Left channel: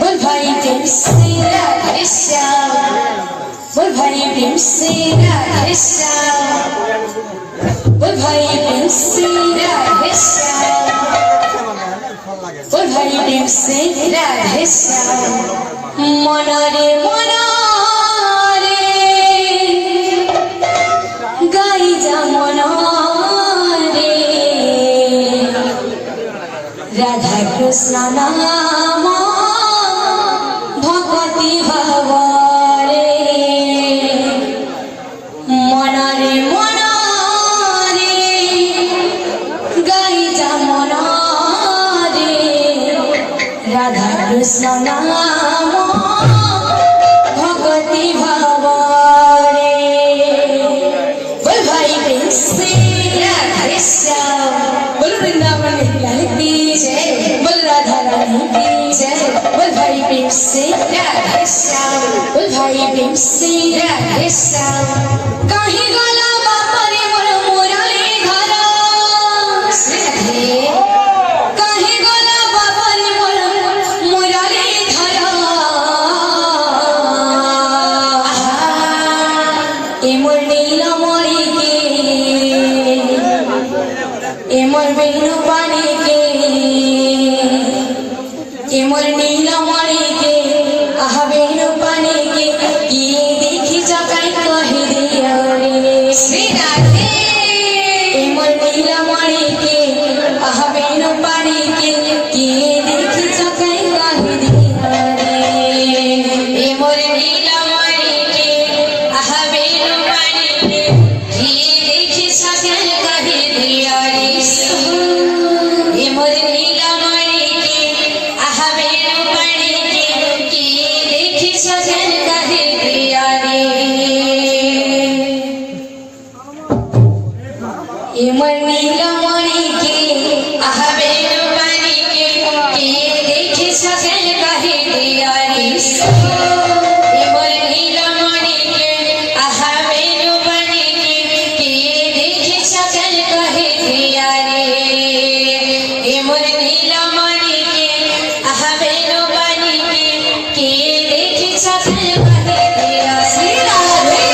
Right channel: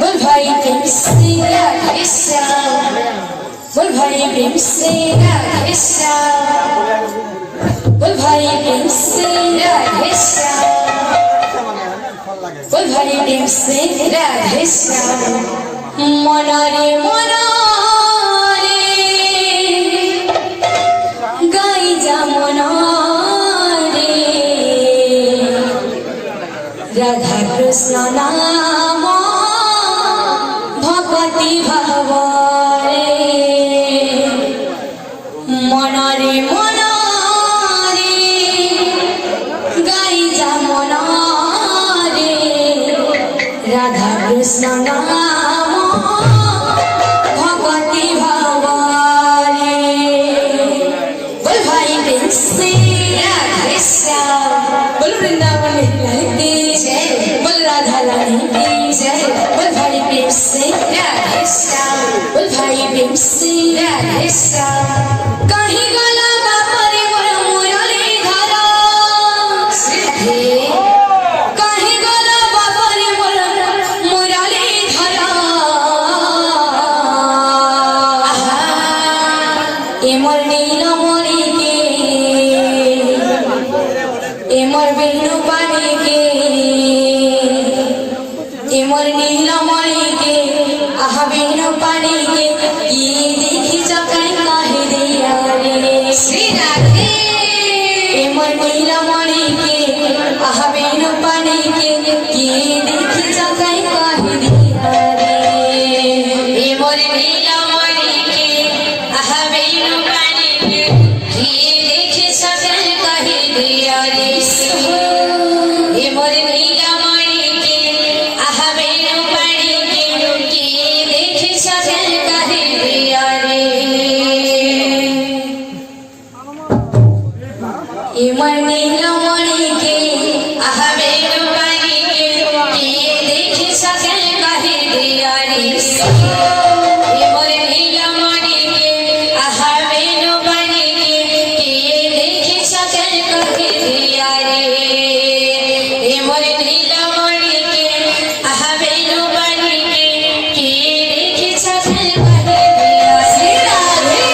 बोल भाई भीम से राधे श्याम, बोल भाई भीम से राधे श्याम, बोल भाई भीम से राधे श्याम। मनरे मनरे गाई जा मनरे राधा कृष्ण नाम भगवती भाव मनरे मनरे गाई जा मनरे राधा कृष्ण नाम भगवती भाव बोल भाई भीम से राधे श्याम, बोल वृंदावन रानी की जय, बोल राधा रानी की जय, बोल भाई भीम से राधे श्याम, बोल भाई भीम से राधे श्याम। काहे गला बापरे मोर मुरली धरा श्री काहे गला बापरे मोर मुरली धरा ए मोर नीलमणि के ए मोर बेणु पानी के ए मोर नीलमणि के आहा बेणु पानी के ये देखी जकाई कहे दिया रे श्री राधे ए मोर नीलमणि के आहा बेणु पानी के ये देखी जकाई कहे दिया रे ए मोर नीलमणि के आहा बेणु पानी के ये देखी जकाई कहे दिया रे ए मोर नीलमणि के आहा बेणु पानी के ये देखी जकाई कहे दिया रे ए मोर नीलमणि के आहा बेणु पानी के ये देखी जकाई कहे दिया रे ए मोर नीलमणि के आहा बेणु पानी के ये देखी जकाई कहे दिया रे ए मोर नीलमणि के आहा बेणु पानी के ये देखी जकाई कहे दिया श्री राधे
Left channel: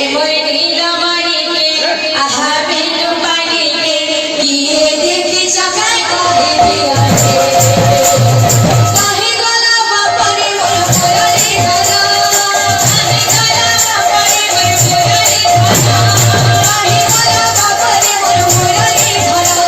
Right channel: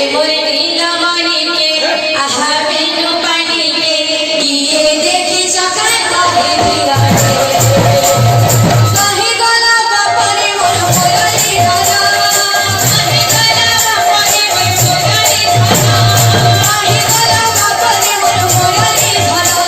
ए मोर नीलमणि के आहा बेणु पानी के ये देखी जकाई कहे दिया काहे गला बापरे मोर मुरली धरा, काहे गला बापरे मोर मुरली धरा, काहे गला बापरे मोर मुरली धरा।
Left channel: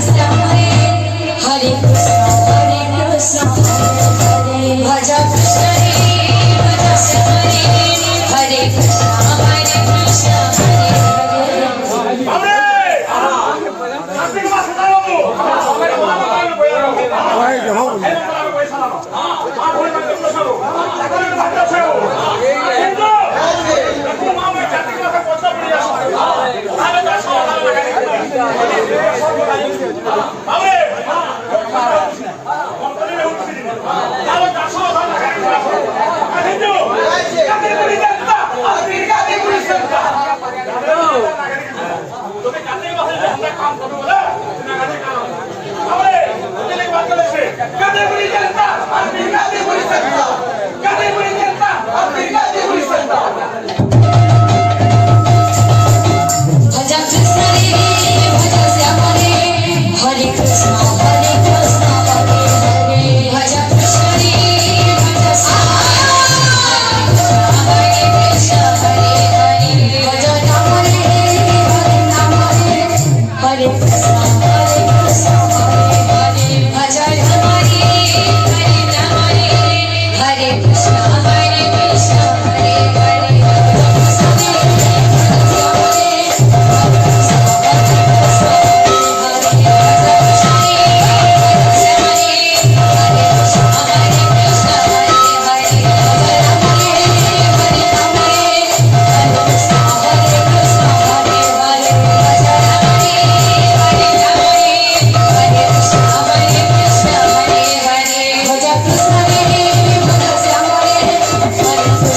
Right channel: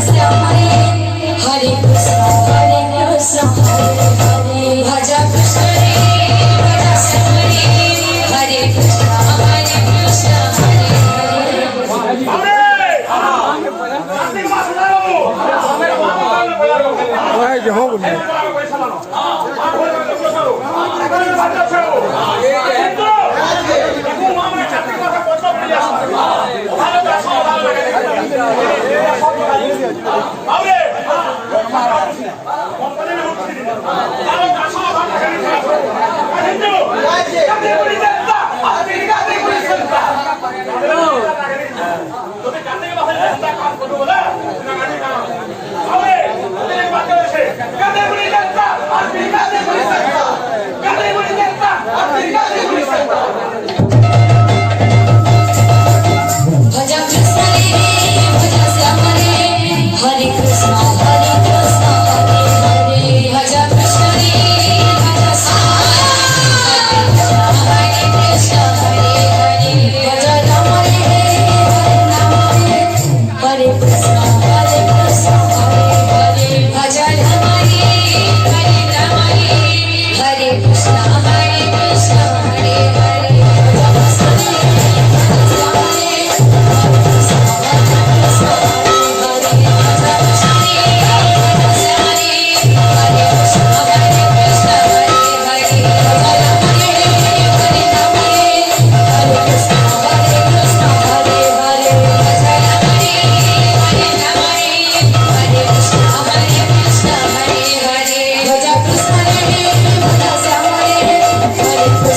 श्याम रे हरे कृष्ण हरे भज कृष्ण रे भज श्याम रे हरे कृष्ण हरे भज कृष्ण रे भज श्याम रे हरे कृष्ण हरे भज कृष्ण रे भज श्याम हरे कृष्ण हरे भज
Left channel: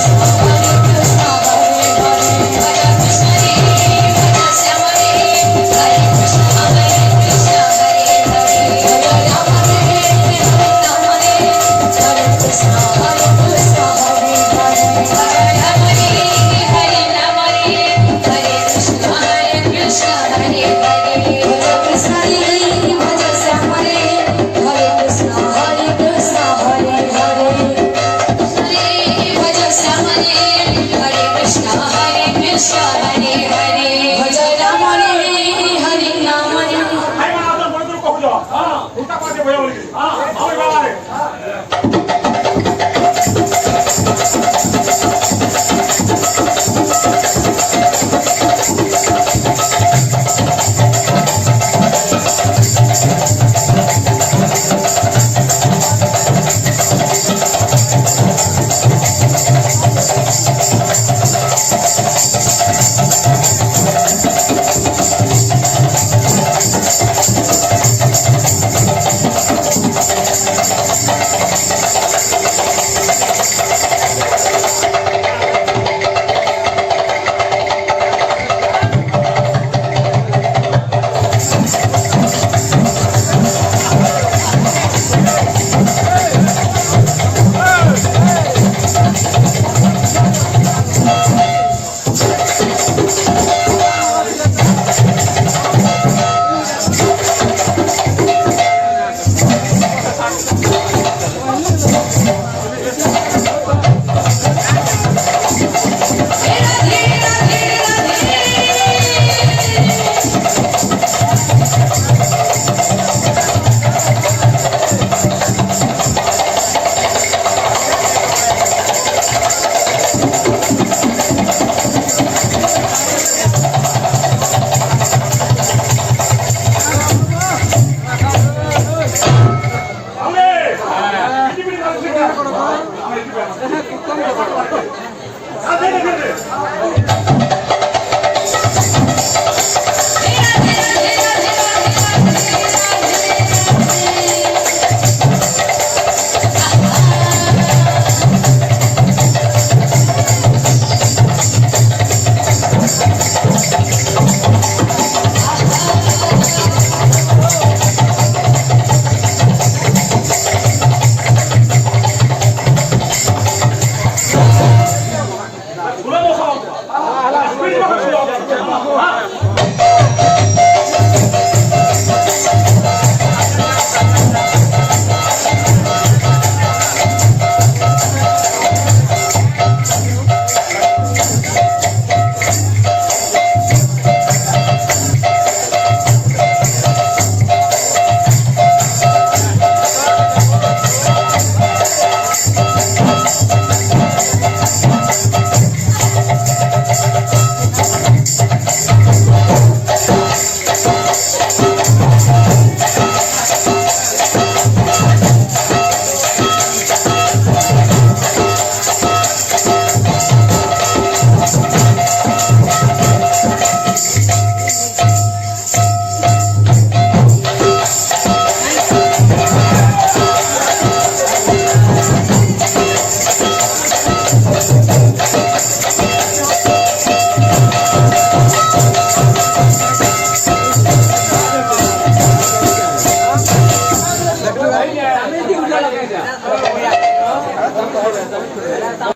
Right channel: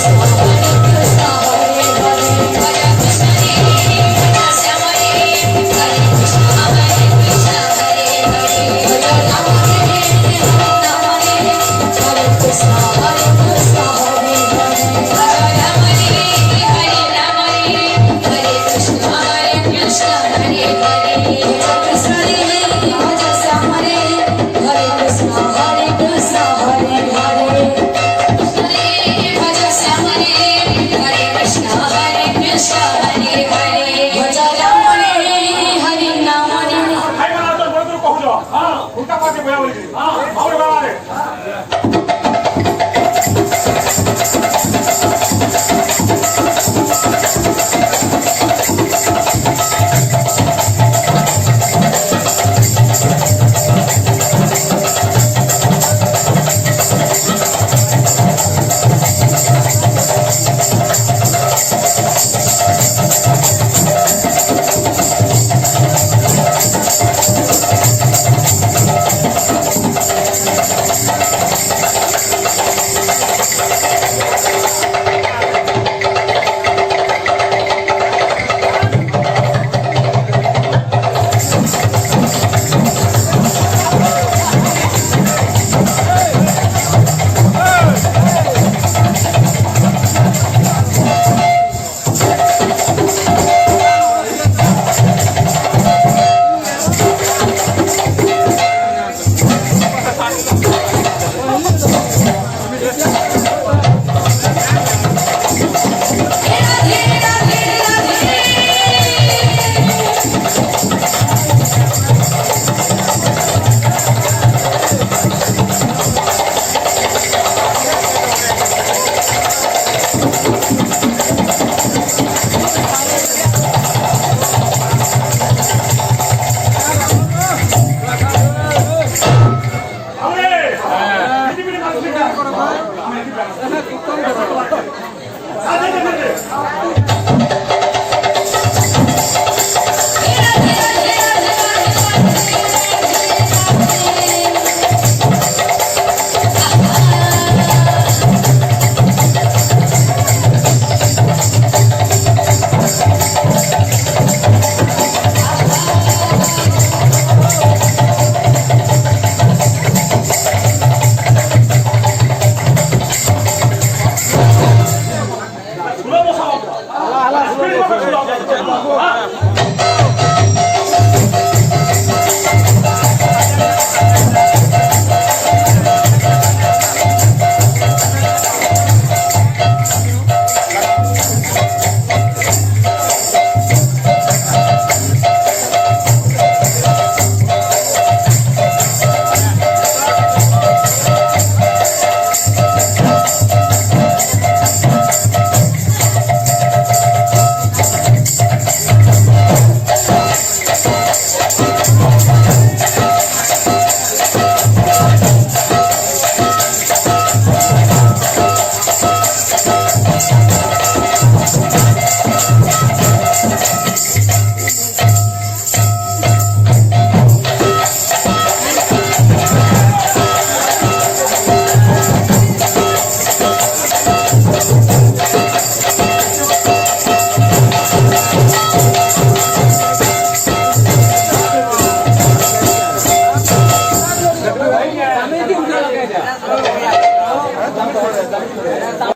राम रे हरे कृष्ण हरे भज राम रे हरे कृष्ण हरे कृष्ण हरे भज राम रे हरे नाम रे